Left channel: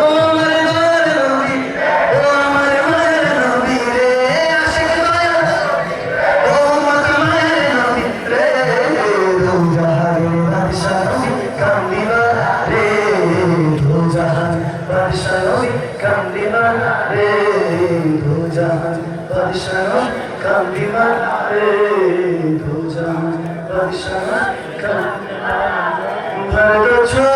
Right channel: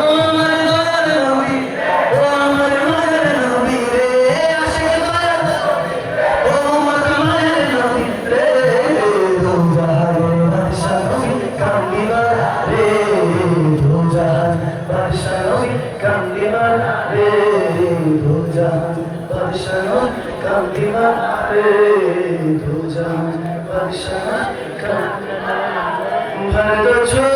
ও আমার দয়ার নবী, ও আমার মায়ের নবী রে, আশিক দয়ার নবী, ও আমার মায়ের নবী রে, দোজাহানের বাদশা নবী কান্দিবার রে, দোজাহান বাদশা নবী কান্দিবার রে, দোজাহান বাদশা নবী কান্দিবার রে, দোজাহান বাদশা নবী কান্দিবার রে।